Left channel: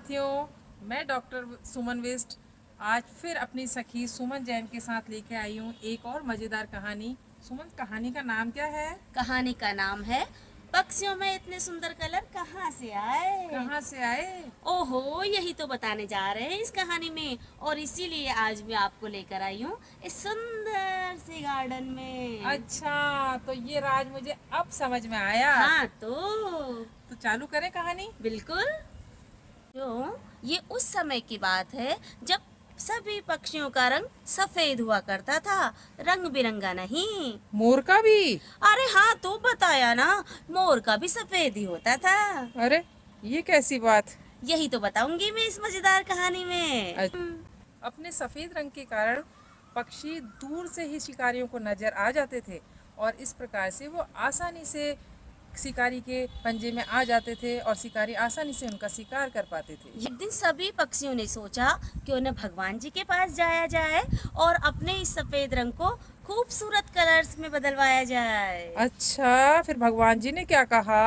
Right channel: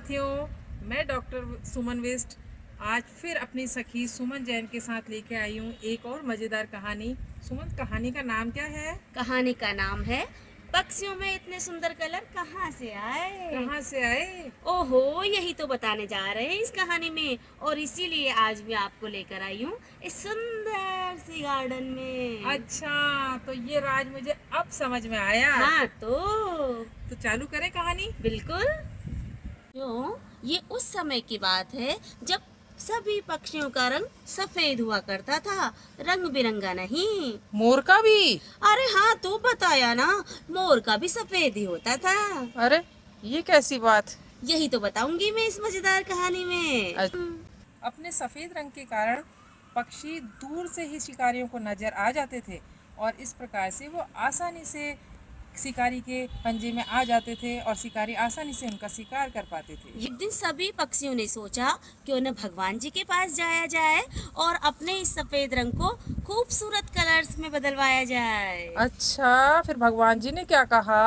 साथियों, मैं डॉक्टर सुमन वेस्ट आज फिर अपनी सखी सुमन जैन के साथ लेके आई हूँ एक और मज़ेदार कहानी। सुमन, कहानी का नाम क्या है? कहानी का नाम है पक्षियों में इतने सुंदर कलर कहाँ से आए। कहाँ से आए? ओहो, यही तो बताने जा रहे हैं इस कहानी में, और इसीलिए आज मैं आपको लेकर आई हूँ इस सुंदर से गार्डन में। अच्छा, तो ये राज मुझे अब समझ में आया। हाँ तो चालू करें कहानी। बिल्कुल। ये उस समय की बात है जब सभी पक्षियों का रंग सफेद हुआ करता था, रंग बिरंगा नहीं। मोर का भी? अरे हाँ, तो बताया ना, मोर का भी सफेद ही होता था। अरे, ये कैसी बात? यही तो बताऊंगी मैं इस मजेदार कहानी में। अपने सफ़ेद रंग के कारण पक्षी दूर से ही शिकारियों को नजर आ जाते थे और इस प्रकार से वो आसानी से शिकारी के पंजे में आ जाते थे और शिकारी आसानी से उनका शिकार कर पाते थे। एक दिन सभी पक्षियों ने सोचा कि उन्हें भगवान जी के पास जाया जाए और अपने इस सफेद रंग को खूबसूरत कलर्स में बदलवाया जाए। अच्छा, फिर भगवान जी ने क्या कहा?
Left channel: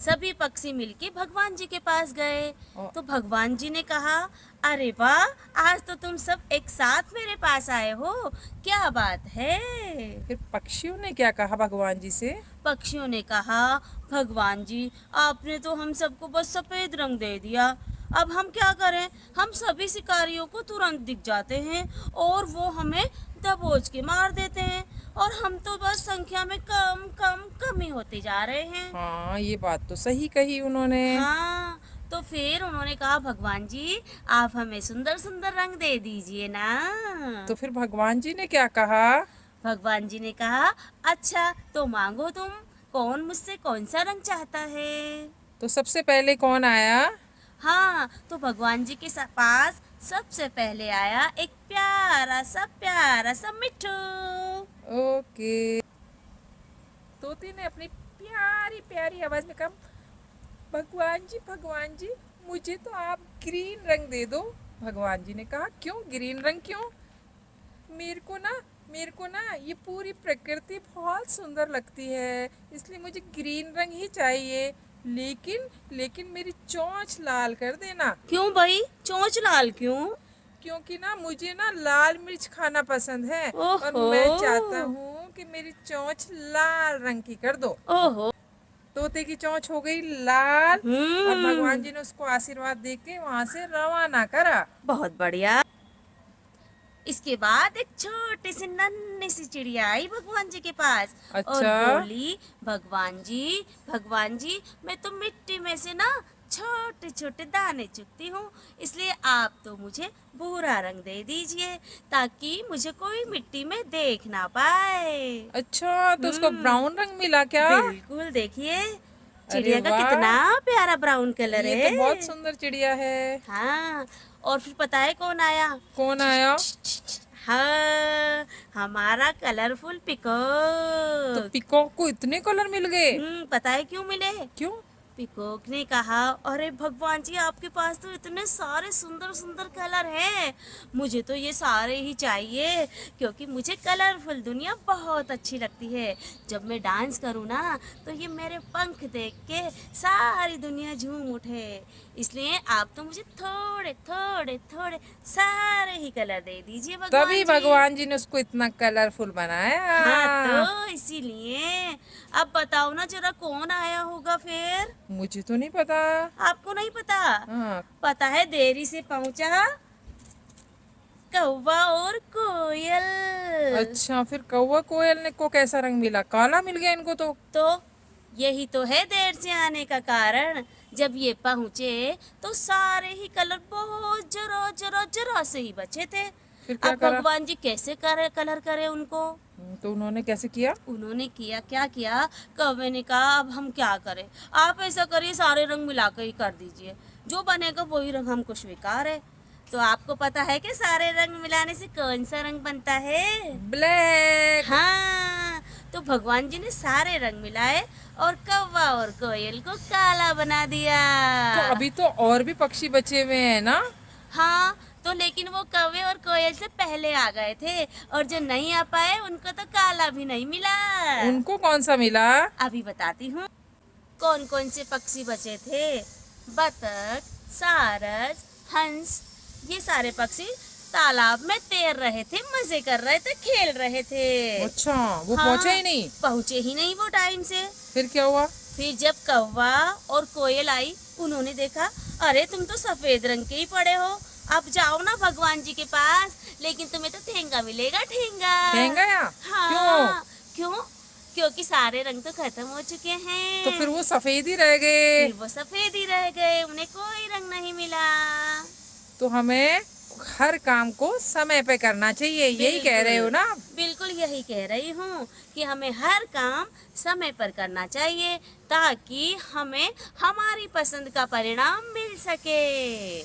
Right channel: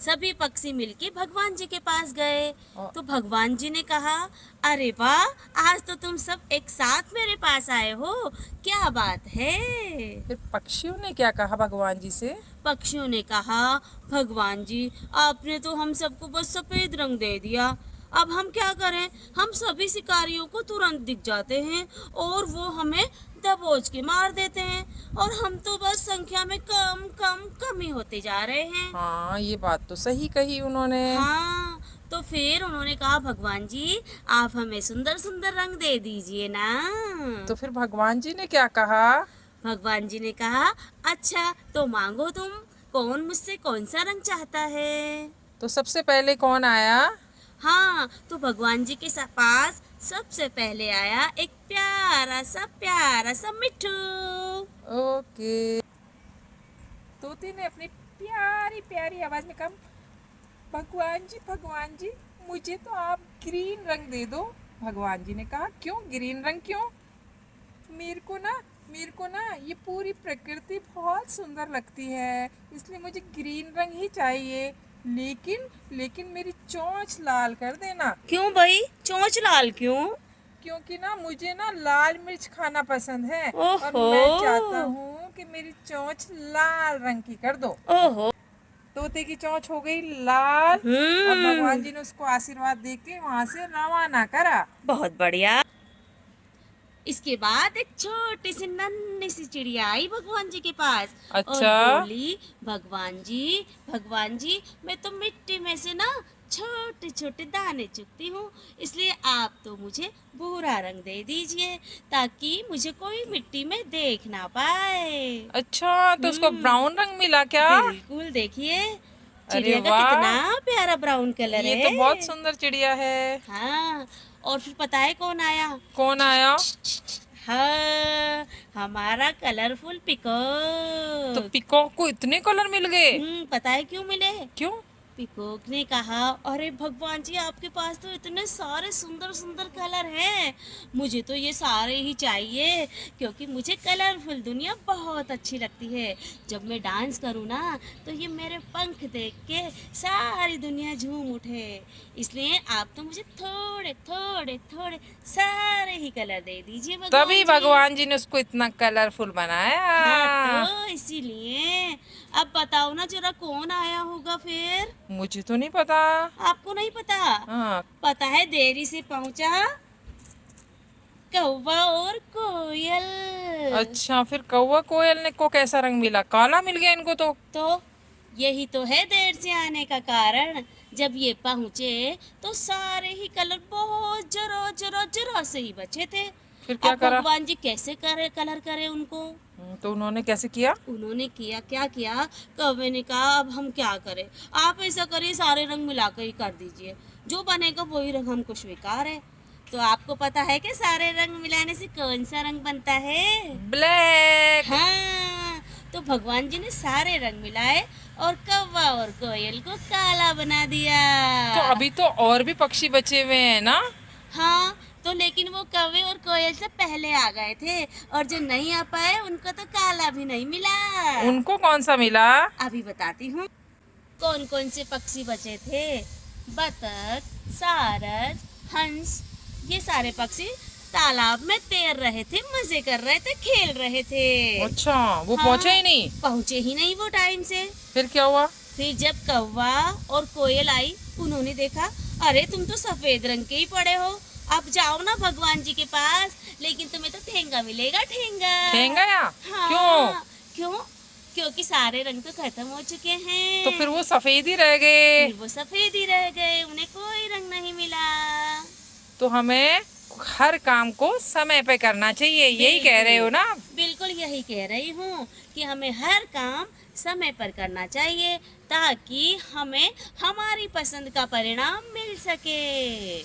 सभी पक्षी मिलके भगवान जी के पास गए और तो भगवान जी ने कहा, अरे वाह, आज तो तुम सब एक साथ मेरे पास आए हो, क्या बात है। फिर पक्षियों ने क्या कहा भगवान जी से? पक्षियों ने कहा, भगवान जी, आपने तो हम सबको बस सफेद रंग दे दिया, अब हम क्या करें। हम सभी शिकारियों को तुरंत दिख जाते हैं और वो हमें दबोच के मार देते हैं, और हम तो बस संख्या में कम कम कम ही होते जा रहे हैं। हाँ, ये बात तो सही कही उन्होंने। हाँ, तो फिर उन्होंने कहा, भगवान जी, आप हमें सुंदर सुंदर रंग दे दीजिए ना। तो फिर भगवान जी ने क्या कहा? भगवान जी ने कहा, अच्छा तो मांगो तुम, कौन मुझसे कौन सा रंग चाहता है। तो सबसे पहले कौन आया? हाँ, तो भगवान जी के पास सबसे पहले आया एक प्यारा सा मिट्ठू। ओके। तोते ने अपनी प्यारी प्यारी आवाज में कहा, भगवान जी, मुझे तो आप ग्रीन रंग दे दो। भगवान जी ने कहा, क्यों ग्रीन रंग क्यों? मेरे को ना ये पूरी प्रकृति बहुत सुंदर लगती है, इसलिए मुझे ग्रीन रंग ही चाहिए। लेकिन मेरी चोंच लाल कर देना। क्यों भाई, चोंच लाल क्यों? क्योंकि ना मुझे ना लाल मिर्च खाना पसंद है और ओहो, मैं चाहता हूँ कि मेरी चोंच लाल रंग की कर दो। ओहो, तोते की चोंच हो गई लाल और भगवान हम्म, जी ने उसको आशीर्वाद देके वहां से रवाना करा। बहुत बढ़िया। इसके बाद एक छोटी सी नन्ही सी चिड़िया आई भगवान जी के पास और अच्छा। बोली, भगवान जी, मैं तो मिट्टी में से ना छोटे छोटे दाने चुगती हूँ, इसलिए आप तो मुझे भूरा रंग दे दीजिए ताकि मुझे कोई मिट्टी में देख ना पाए। अच्छा, तो उसको हम्म, ब्राउन रंग मिला क्या? बिल्कुल, देखिए अरे चिड़िया का कितना वाह, प्यारा ब्राउन कलर ये तो बहुत है। सुंदर चिड़िया है। हाँ, और फिर पता है कौन आया? कौन आया? हाँ, हमारा कलरफुल तो पिकॉक। पीकॉक को इतने कलर मिल गए? पता है क्यों मिले? क्यों? पिकॉक ने कहा, अरे भगवान जी, आपके पास तो इतने सारे सुंदर सुंदर कलर हैं, मुझे तो ये सारे ही चाहिए, क्योंकि मुझे कलरफुल दुनिया बहुत अच्छी लगती है। जब मैं डांस करूँ ना, तो ये मेरे पंख देख के सारी दुनिया झूम उठे, इसलिए आप तो मुझे थोड़े थोड़े थोड़े सारे ही कलर दे दीजिए तभी भगवान जी। भगवान जी ने उसको इतना कलरफुल हाँ, बनाया। तो इसीलिए अब बताओ ना जरा, कौन आया होगा फिर? मुझे तो नहीं पता। आपको नहीं पता? हाँ। पता है, देरी से पहुंचा कौवा और कोयल। अच्छा, फिर कौवा कोयल ने को कैसा रंग मिला? काला मिल गया इनको तो यही तो है देर से आने का कारण। जब ये पहुंचे तो सारे ही कलर बहुत जरा जरा जरा से ही बचे थे। फिर क्या अब करा? भगवान जी कैसे करे कलर करे उनको? तो उन्होंने कैसे किया? उन्होंने किया, क्या किया, कौवे ने कहा, अब हम क्या करें, आप ऐसा करिए, सारे रंग मिलाकर ही कर दीजिए, जो बनेगा वही रंग हमको स्वीकार है। तो आपको पता है कि सारे रंग मिलाने से कौन सा रंग बनता है? ब्लैक। हाँ, तो भगवान जी ने सारे रंग मिलाए और कौवा और कोयल को काला बना दिया। तो अभी तो और भी पक्षी बचे हुए हैं ना? हाँ, तो लेकिन वो कौवे और कोयल से पहले आ गए थे, और जो नहीं आ पाए उनको तो काला भी नहीं मिला। उनको कौन सा मिला? अभी बताती हूँ कौन कौन से पक्षी बचे थे। बतख, सारस, हंस, ये सारे पक्षी तालाब में तैर रहे थे, मजे कर रहे थे, खेल रहे थे। अच्छा, वो हाँ, पहुंचे ही नहीं? पहुंचे ही नहीं वो टाइम से। फिर क्या हुआ? फिर जब कौवा और कोयल आई, उन्होंने देखा, अरे तुम तो सफेद रंग के ही पड़े हो, अब जाओ ना भगवान जी के पास, लेकिन तुम्हें तो ठेंगा मिलेगा, ठेंगा। ठेंगा या? हाँ, क्यों? क्यों? क्योंकि सारे रंग तो खत्म हो चुके हैं। तो फिर वो सफेद ही रह गए। फिर वो सफेद ही रह गए, उन्हें कोई रंग नहीं मिला। तो हमें हर काम को समय पे करना चाहिए, यही कह रहे हो ना? बिल्कुल यही कह रही हूँ कि हमें हर काम समय पर करना चाहिए, ताकि हमें हमारी पसंद का परिणाम मिल सके।